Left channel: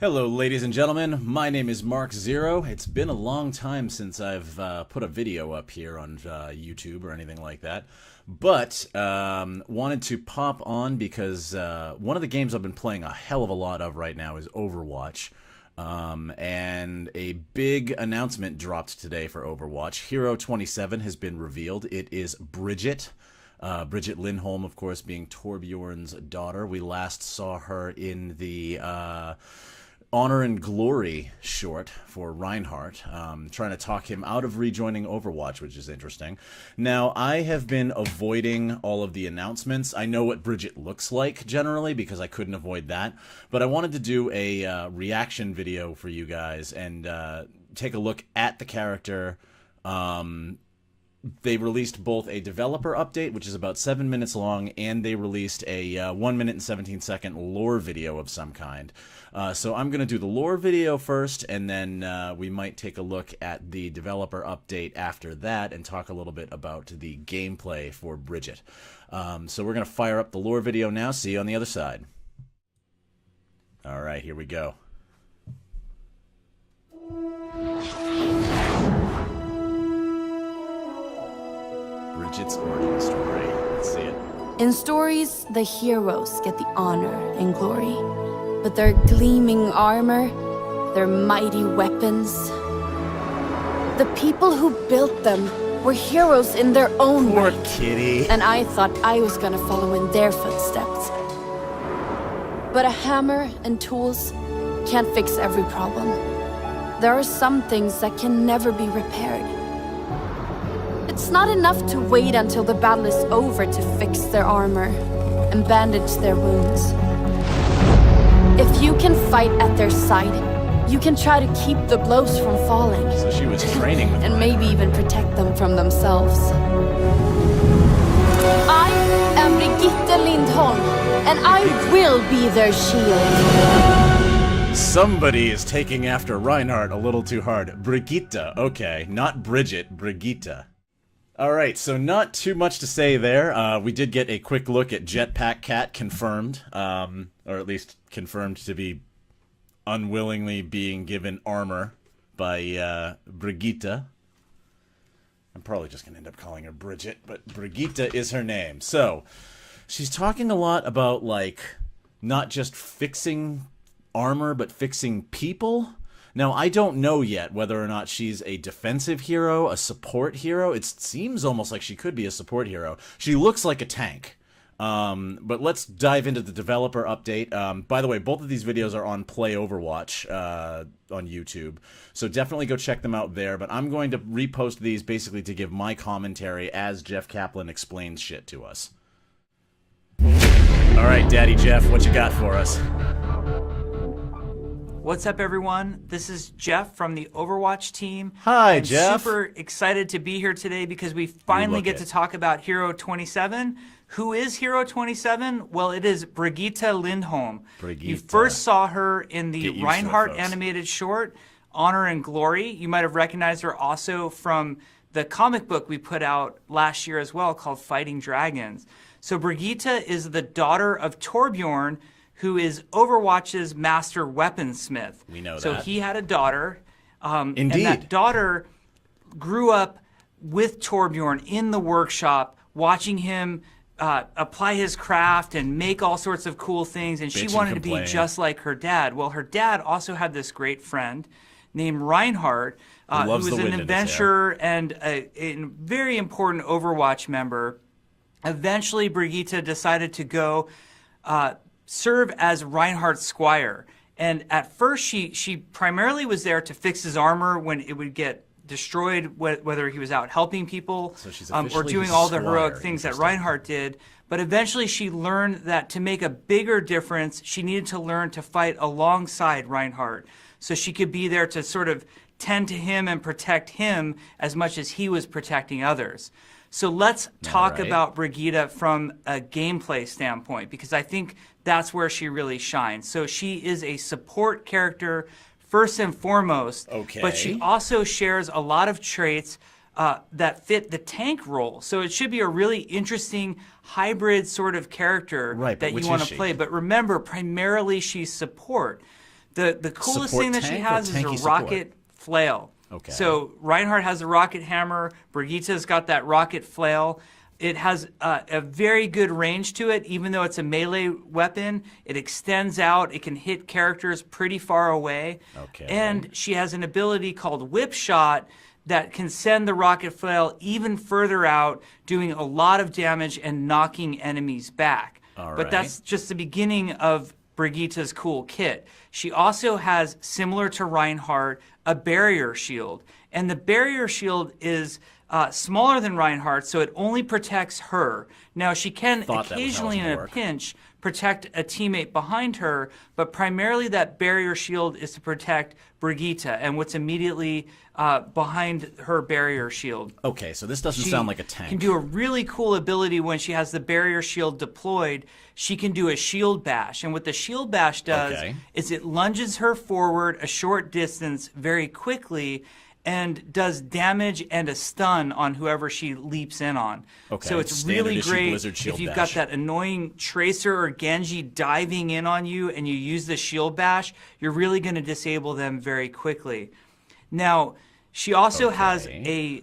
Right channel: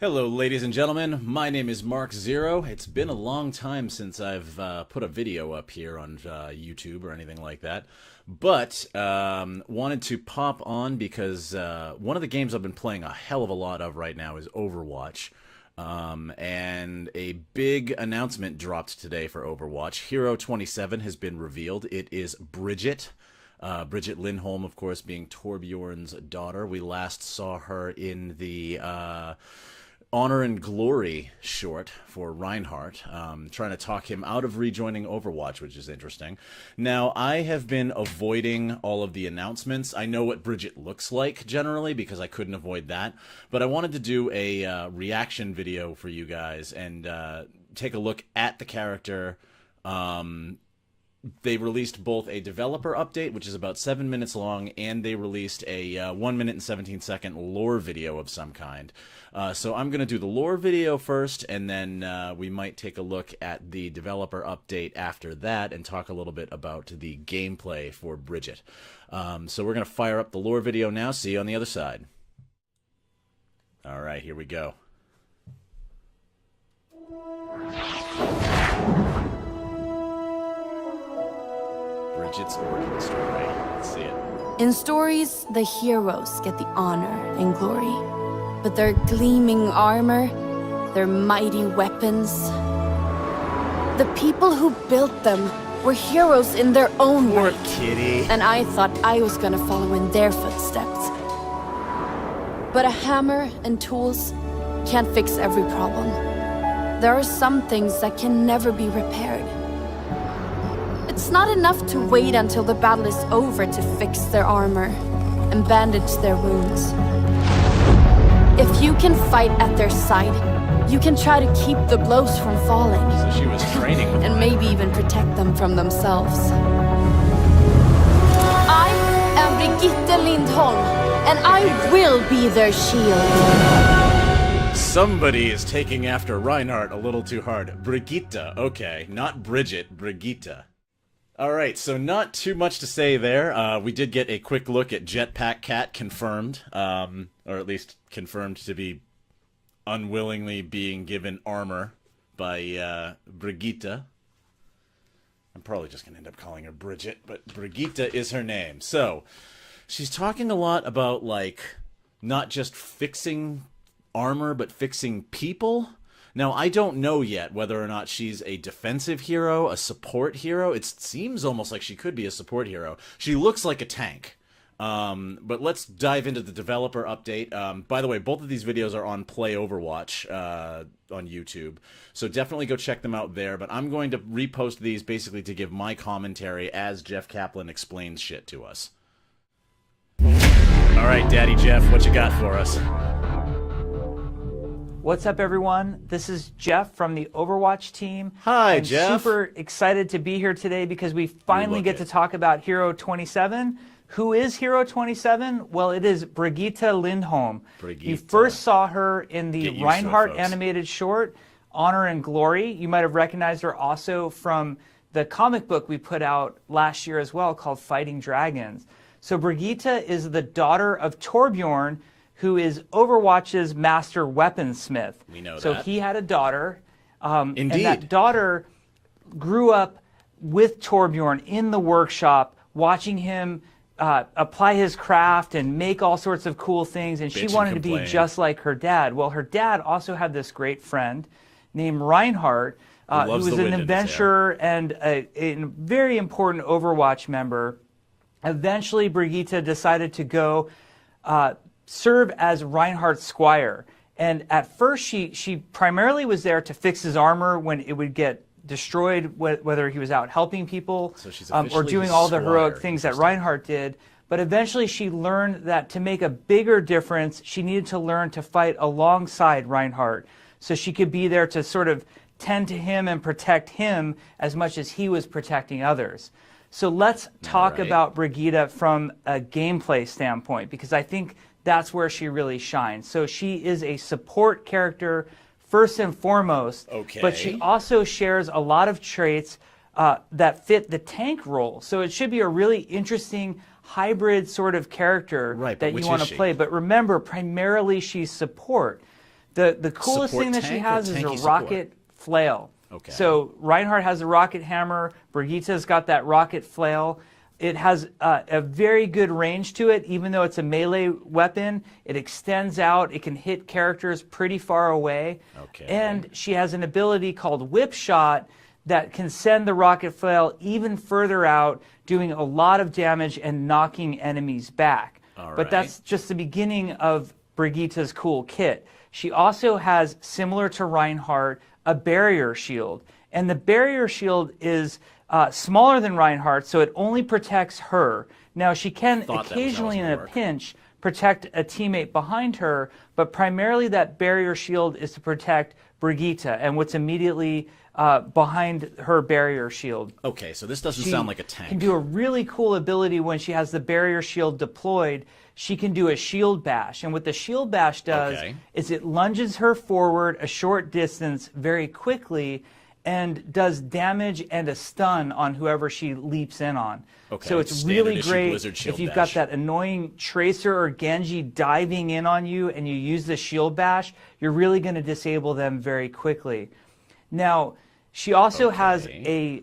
Hello, ladies and gentlemen. My name is Mark Zero. It's been a long time since I've put a video up here on YouTube or anything like that, but wanted to pop on because one of the games I've been playing a hell of a lot of right now is Overwatch. And a big announcement dropped today for Overwatch. Hero 27 has been revealed. It is Brigitte. Brigitte Lindholm, of course, being Torbjorn's daughter. We last saw her in the Honor and Glory short for Reinhardt, trying to talk him out of rejoining Overwatch, which is interesting. Now, I have been avoiding all of the announcements. I know what Brigitte looks like generally because I couldn't avoid that, but I wanted to do a reaction video for you guys and take a look at the character. They released both a developer update, which is about 7 minutes long, and they released a 1 minute and 17-second lore video of some kind. So I'm going to do the lore video first, and then we might take a look at the developer update after that and talk a little bit about the gameplay for Brigitte. So we're going to fire up the lore video now. See you on the other side. All right, here we go. Brigitte's origin story. Let's see it. In stories, the heroes get the honor and glory. But their gleaming armor, their mighty weapons, the people who built them were heroes in their own Poor right. kitty. And I thought I was gonna follow in their footsteps. But a hammer and tools can't fix every problem. There are some things that can never be repaired. It's not enough to wait until the battle is over to fix their armor and bandage their wounds. If you can fight at their side, you can try to keep the blows from falling. So she was training with and Reinhardt. maybe even protect them from themselves. I am Brigitte Lindholm, and I will be their shield. Somebody is taking after Reinhardt a little too hard. Brigitte, okay. Not Brigitte, Brigitte. Alright, so not too much to say there. We did get a quick look at Jetpack Cat confirmed, or at least confirmed to be unwillingly being given armor by Brigitte. I'm probably just going to end up calling her Brigitte, but Brigitte is her name. So, she's talking a lot about, like, not just fixing armor, but fixing people. Now, I don't know yet whether or not she's a defensive hero, a support hero. It seems almost like she could be a support hero. She looks like a tank. But let's dive into the developer update. By the way, both of these videos are on Play Overwatch on YouTube. So definitely go check them out there. But I'm going to repost these basically to give my commentary as Jeff Kaplan explains shit to us. All right, Daddy Jeff, what you got for us? What's up, everyone? This is Jeff from the Overwatch team. Hi, I'm Jeff. Super excited to be here today because we finally get to talk about Hero 27. Who is Hero 27? Well, it is Brigitte Lindholm. Brigitte. You first saw her in the Reinhardt folks. animated short, Honor and Glory. You might have recognized her also from the comic book we put out last year as well called Fighting Dragons. So Brigitte is the daughter of Torbjorn, who is Overwatch's master weaponsmith. We know so that. So he had a daughter. Indeed. And that daughter grew up with Torbjorn in the workshop, watching him apply his craft and make all sorts of cool things. And she wanted to be just like her dad. Well, her dad also had this great friend named Reinhardt, who was an adventurer and a very important Overwatch member. Eventually, Brigitte decided to go serve as Reinhardt's squire. And at first, she primarily was there to fix his armor when it would get destroyed, whether he was out helping people or doing all the heroic things that Reinhardt did. But eventually, she learned that to make a bigger difference, she needed to learn to fight alongside Reinhardt. So she could be there to sort of tend to him and protect him as much as he was protecting others. So let's talk about Brigitte from a gameplay standpoint, because I think that's where she really shines. So she is a support character first and foremost, but she also shares a lot of traits that fit the tank role. So it should be a really interesting hybrid sort of character that you want to play. But remember, primarily she's support. The coolest Support thing that she tank or has is tanky a support? rocket flail. Okay. So Reinhardt has a rocket hammer. Brigitte's got that rocket flail. It has a very good range to it, even though it's a melee weapon. It extends out. It can hit characters pretty far away. Okay. And she has an ability called Whip Shot that can send the rocket flail even further out, doing a lot of damage and knocking enemies back. All but right. that's just the beginning of Brigitte's cool kit. She also has, similar to Reinhardt, a barrier shield. And the barrier shield is smaller than Reinhardt, so it only protects her. Now, she can occasionally, in a pinch, protect a teammate behind her, but primarily that barrier shield is to protect Brigitte and what's immediately behind her barrier shield. Okay, so this doesn't sound like a She tank. can do a really cool ability when she has the barrier shield deployed. She can do a shield bash, and what the shield bash does is it lunges her forward a short distance very quickly and does damage and a stun on whoever she leaps in on. Okay, so it's standard really issue great Blizzard shield if you've bash. got that annoying Tracer or Genji diving in on you and you use the shield bash, you're really going to disable them very quickly. Now, she also has a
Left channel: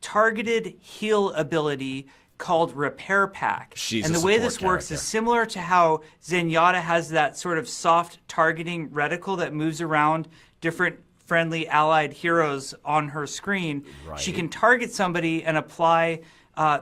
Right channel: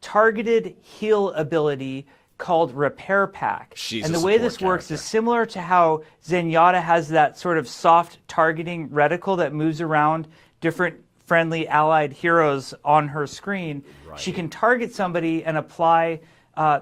targeted heal ability called Repair Pack. She's and a the way support this works character. is similar to how Zenyatta has that sort of soft targeting reticle that moves around different friendly allied heroes on her screen. Right. She can target somebody and apply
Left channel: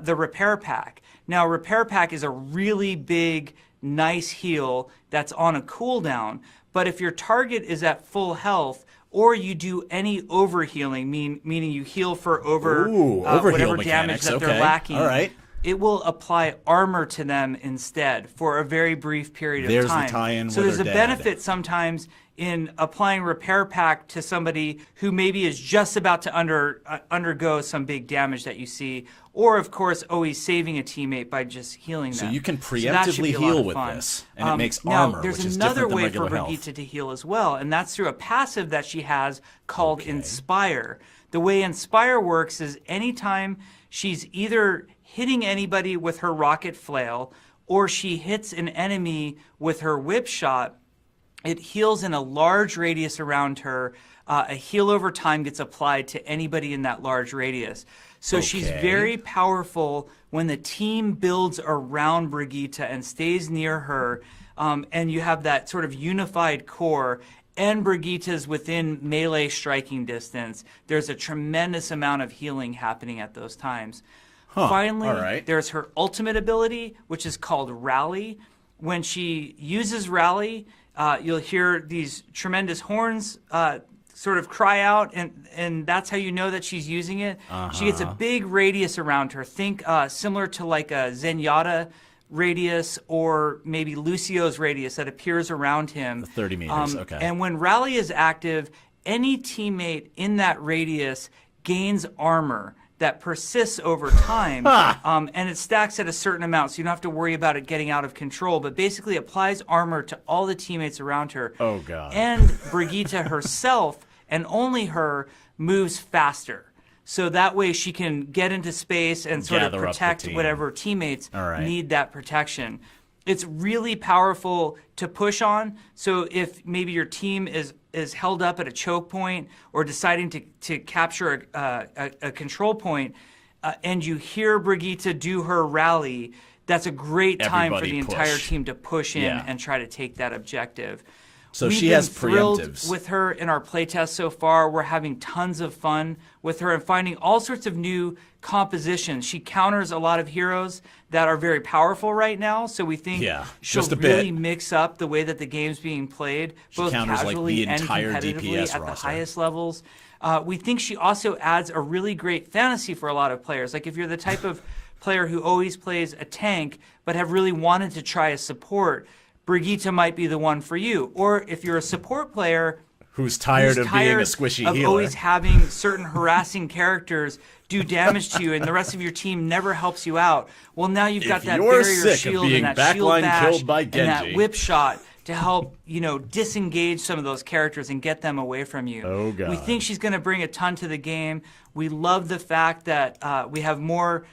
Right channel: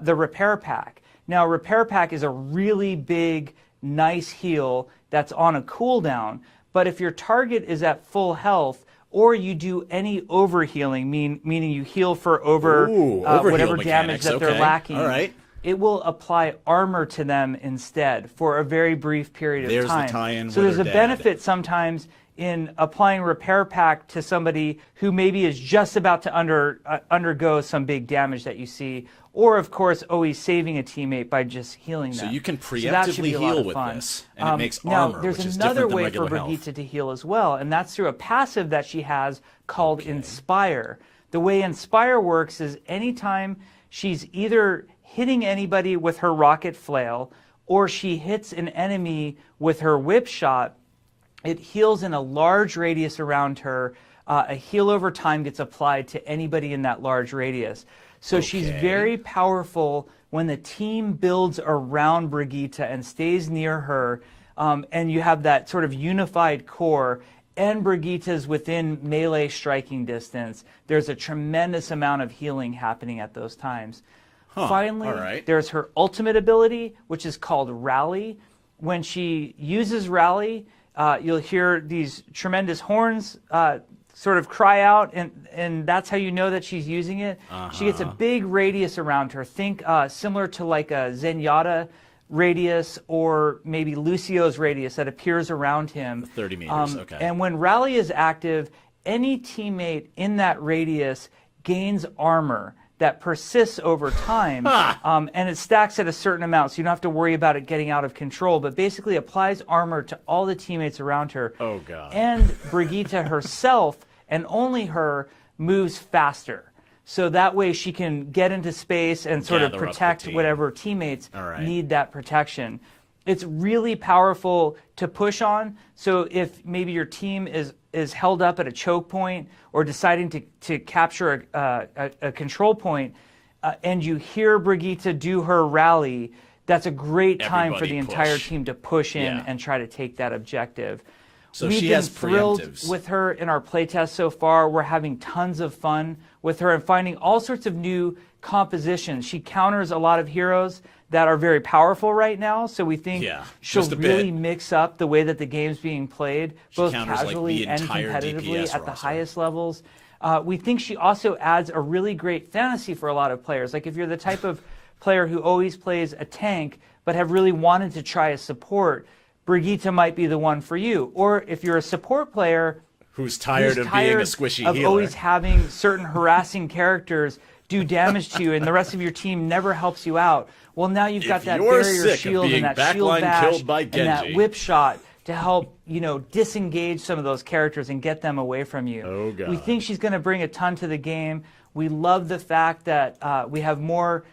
the Repair Pack. Now, Repair Pack is a really big, nice heal that's on a cooldown, but if your target is at full health, or you do any overhealing, meaning you heal for overheal whatever damage mechanics. that they're lacking, All right. it will apply armor to them instead for a very brief period of time. There's the tie-in so with there's her a dad. benefit sometimes in applying Repair Pack to somebody who maybe is just about to undergo some big damage that you see, or of course always saving a teammate by just healing them. So you can that should preemptively be a lot heal of with fun. this, and it makes Now, armor, there's which is another different than way regular for health. Brigitte to heal as well, and that's through a passive that she has called Inspire. The way Inspire works is anytime she's either hitting anybody with her rocket flail or she hits an enemy with her whip shot, it heals in a large radius around her. A heal over time gets applied to anybody in that large radius. So she's very powerful when the team builds around Brigitte and stays near her, and you have that sort of unified core, and Brigitte's within melee striking distance. There's a tremendous amount of healing happening at those times. Finally, there's her ultimate ability, which is called Rally. When she uses Rally, you'll hear these tremendous horns sort of cry out, and that's how you know that she's using it. She gets a big radius around her. Think similar to like a Zenyatta radius or maybe Lucio's radius that appears around him. 30 meters, And when Rally is active, any teammate in that radius gains armor that persists over time, and it stacks at a certain amount, so you don't have to worry about it getting out of control, but basically applies armor to all the teammates around her. Oh, God. And Brigitte herself, and only her, moves faster. So that way she can get into space and sort of protect whatever teammates need that protection. It's really powerful to push on. So if maybe your team is held up at a choke point or deciding to capture a control point, and you hear Brigitte do her rally, that's a great time for the entire team to push in and try to take that objective. So she has preemptives. With her in our playtest so far, we're having tons of fun with her and finding all sorts of new compositions. She counters a lot of heroes that are very powerful right now, so we think she'll really mix up the way that the game's being played. She counters like the entire DPS at roster. The highest levels. We think she also adds a really great fantasy for a lot of players. Like if you're the type of player who always plays a tank but have really wanted to try a support, Brigitte might be the one for you. Or if you're a support player who's tired of being a squishy healer, always having certain harassing characters do damage to you, and the rest of your team never helps you out. Well, now you've got that barrier shield of being and that backline shield killed by and Genji, that whip shot to help disengage some of those characters and get them away from you. Oh God! We think she's going to bring a ton to the game. We love the fact that we have more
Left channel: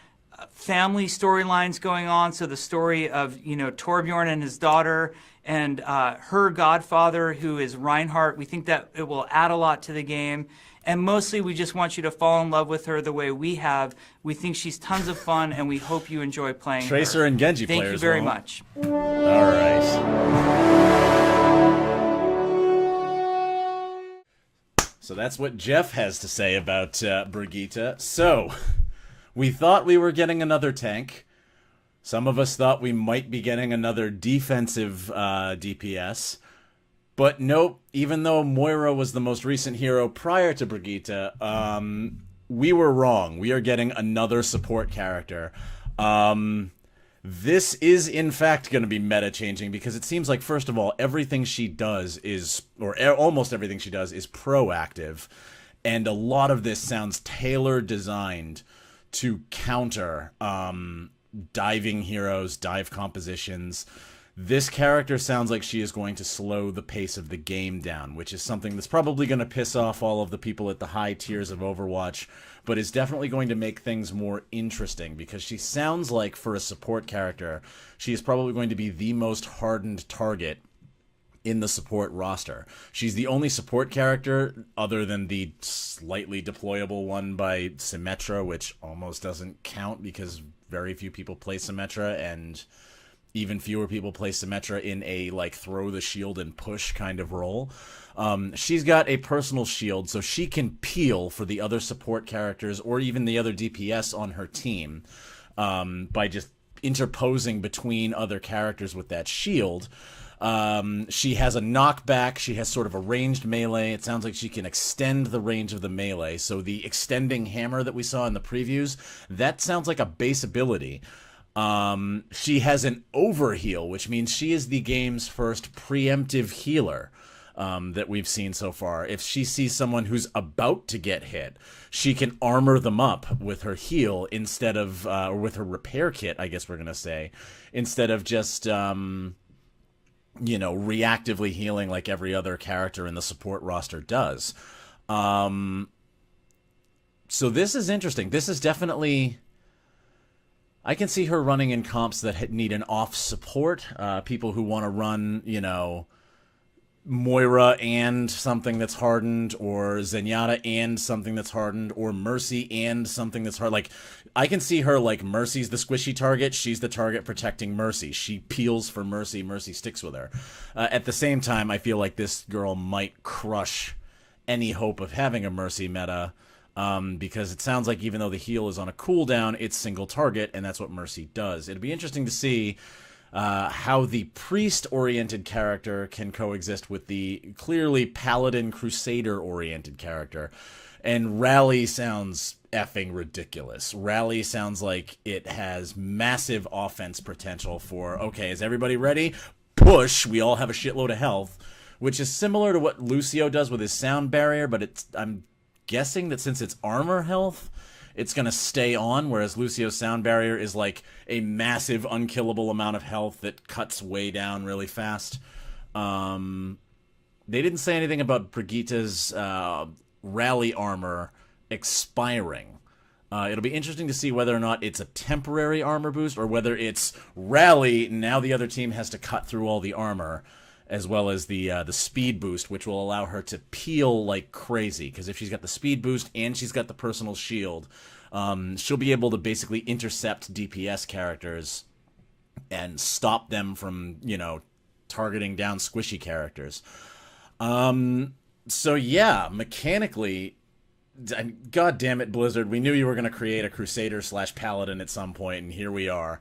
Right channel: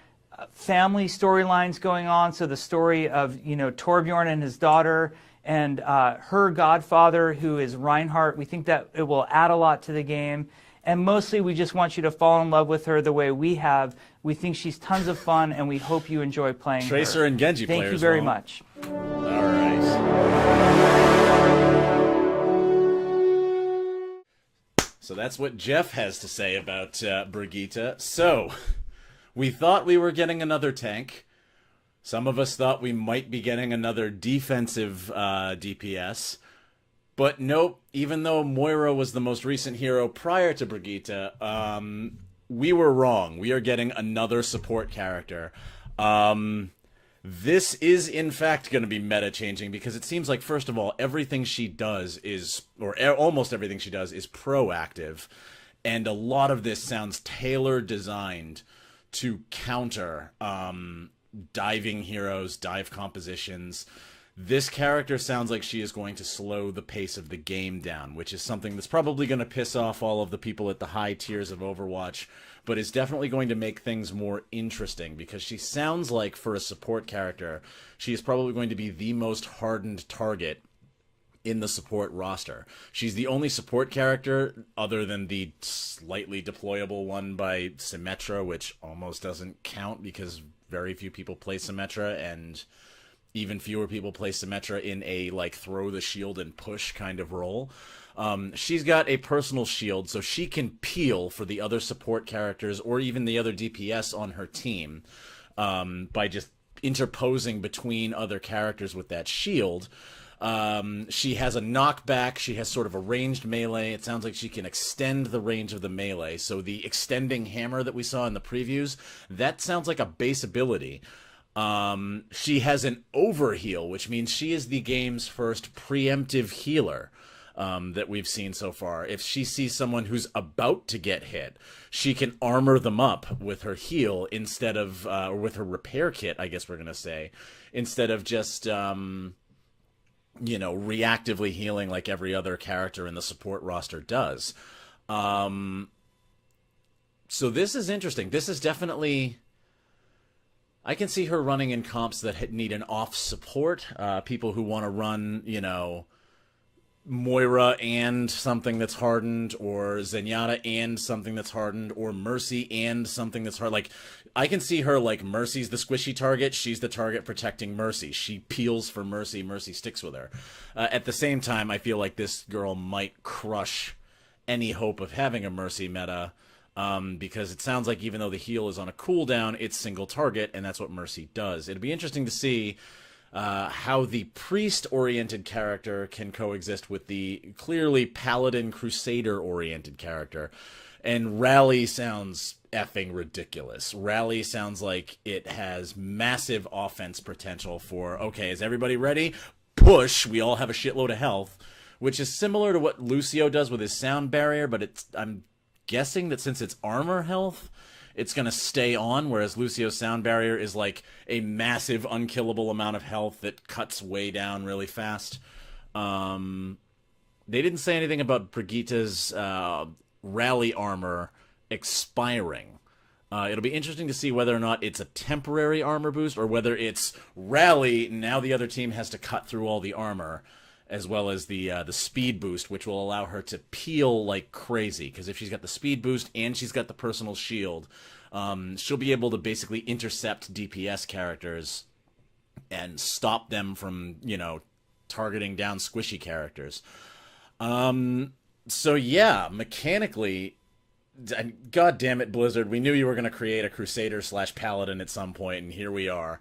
family storylines going on. So the story of Torbjorn and his daughter, and her godfather, who is Reinhardt. We think that it will add a lot to the game. And mostly, we just want you to fall in love with her the way we have. We think she's tons of fun, and we hope you enjoy playing Tracer her. and Genji Thank players you very won't. much. All right. So that's what Jeff has to say about Brigitte. So, we thought we were getting another tank. Some of us thought we might be getting another defensive DPS. But nope, even though Moira was the most recent hero prior to Brigitte, we were wrong. We are getting another support character. This is, in fact, going to be meta-changing because it seems like, first of all, everything she does is, or almost everything she does is proactive. And a lot of this sounds tailor-designed to counter diving heroes, dive compositions. This character sounds like she is going to slow the pace of the game down, which is something that's probably going to piss off all of the people at the high tiers of Overwatch, but is definitely going to make things more interesting, because she sounds like, for a support character, she is probably going to be the most hardened target in the support roster. She's the only support character, other than the slightly deployable one by Symmetra, which almost doesn't count because very few people play Symmetra, and even fewer people play Symmetra in a, like, throw the shield and push kind of role. She's got a personal shield, so she can peel for the other support characters or even the other DPS on her team by just interposing between other characters with that shield. She has a knockback. She has sort of a ranged melee. It sounds like she can extend the range of the melee. So the extending hammer that we saw in the previews, that sounds like a base ability. She has an overheal, which means she is the game's first preemptive healer that we've seen so far. If she sees someone who's about to get hit, she can armor them up with her heal instead of, or with her repair kit, I guess we're going to say, instead of just, you know, reactively healing like every other character in the support roster does. So this is interesting. This is definitely... I can see her running in comps that need an off support. People who want to run, you know, Moira and something that's hardened, or Zenyatta and something that's hardened, or Mercy and something that's hard. Like, I can see her, like, Mercy's the squishy target. She's the target protecting Mercy. She peels for Mercy. Mercy sticks with her. At the same time, I feel like this girl might crush any hope of having a Mercy meta. Because it sounds like even though the heal is on a cooldown, it's single target, and that's what Mercy does. It'd be interesting to see how the priest-oriented character can coexist with the clearly paladin crusader-oriented character. And Rally sounds effing ridiculous. Rally sounds like it has massive offense potential for, okay, is everybody ready? Push! We all have a shitload of health, which is similar to what Lucio does with his sound barrier, but I'm guessing that since it's armor health, it's going to stay on, whereas Lucio's sound barrier is like a massive unkillable amount of health that cuts way down really fast. They didn't say anything about Brigitte's rally armor expiring. It'll be interesting to see whether or not it's a temporary armor boost, or whether it's rally, now the other team has to cut through all the armor, as well as the speed boost, which will allow her to peel like crazy. Because if she's got the speed boost and she's got the personal shield, she'll be able to basically intercept DPS characters and stop them from, you know, targeting down squishy characters. So yeah, mechanically, god damn it, Blizzard, we knew you were going to create a Crusader / Paladin at some point, and here we are.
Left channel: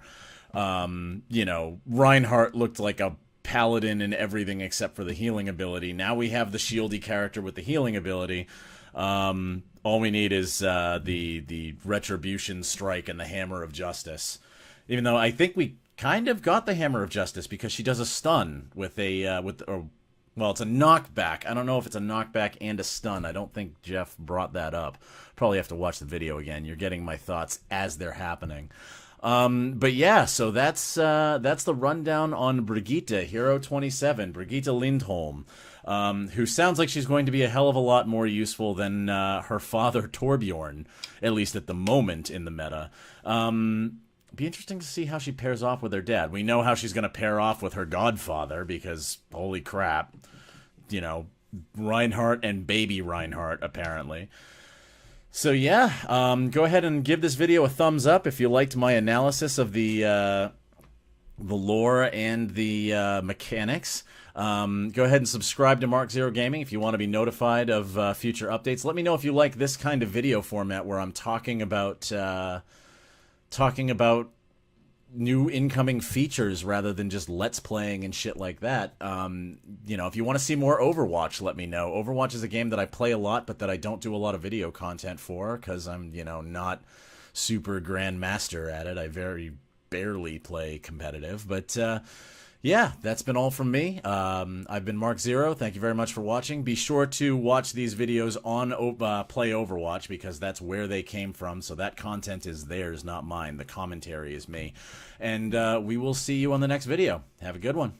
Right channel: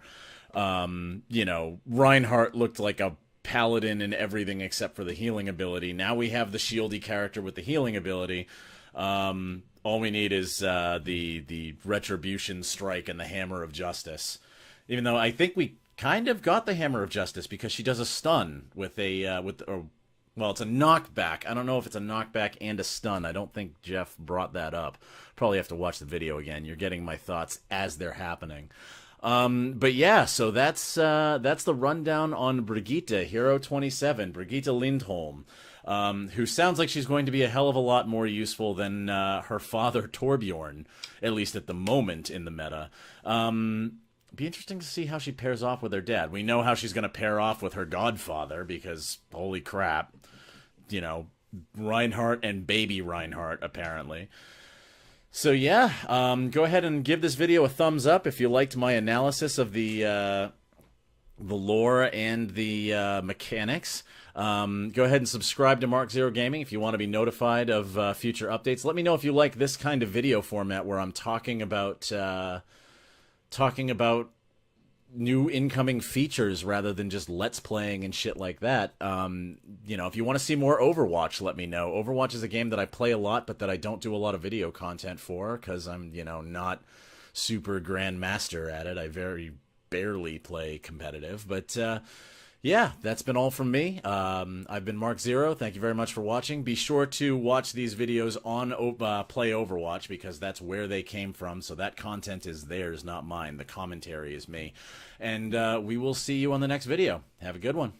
You know, Reinhardt looked like a paladin in everything except for the healing ability. Now we have the shieldy character with the healing ability. All we need is the Retribution Strike and the Hammer of Justice. Even though I think we kind of got the Hammer of Justice, because she does a stun with a well, it's a knockback. I don't know if it's a knockback and a stun. I don't think Jeff brought that up. Probably have to watch the video again. You're getting my thoughts as they're happening. But yeah, so that's the rundown on Brigitte, Hero 27, Brigitte Lindholm, who sounds like she's going to be a hell of a lot more useful than her father Torbjorn, at least at the moment in the meta. be interesting to see how she pairs off with her dad. We know how she's going to pair off with her godfather because, holy crap, you know, Reinhardt and baby Reinhardt, apparently. So yeah, go ahead and give this video a thumbs up if you liked my analysis of the lore and the mechanics. Go ahead and subscribe to Mark Zero Gaming if you want to be notified of future updates. Let me know if you like this kind of video format where I'm talking about new incoming features rather than just let's playing and shit like that. You know, if you want to see more Overwatch, let me know. Overwatch is a game that I play a lot, but that I don't do a lot of video content for because I'm, you know, not super grandmaster at it. I very barely play competitive, but yeah, that's been all from me. I've been Mark Zero. Thank you very much for watching. Be sure to watch these videos on Play Overwatch because that's where they came from. So that content is theirs, not mine. The commentary is me. And we will see you on the next video. Have a good one.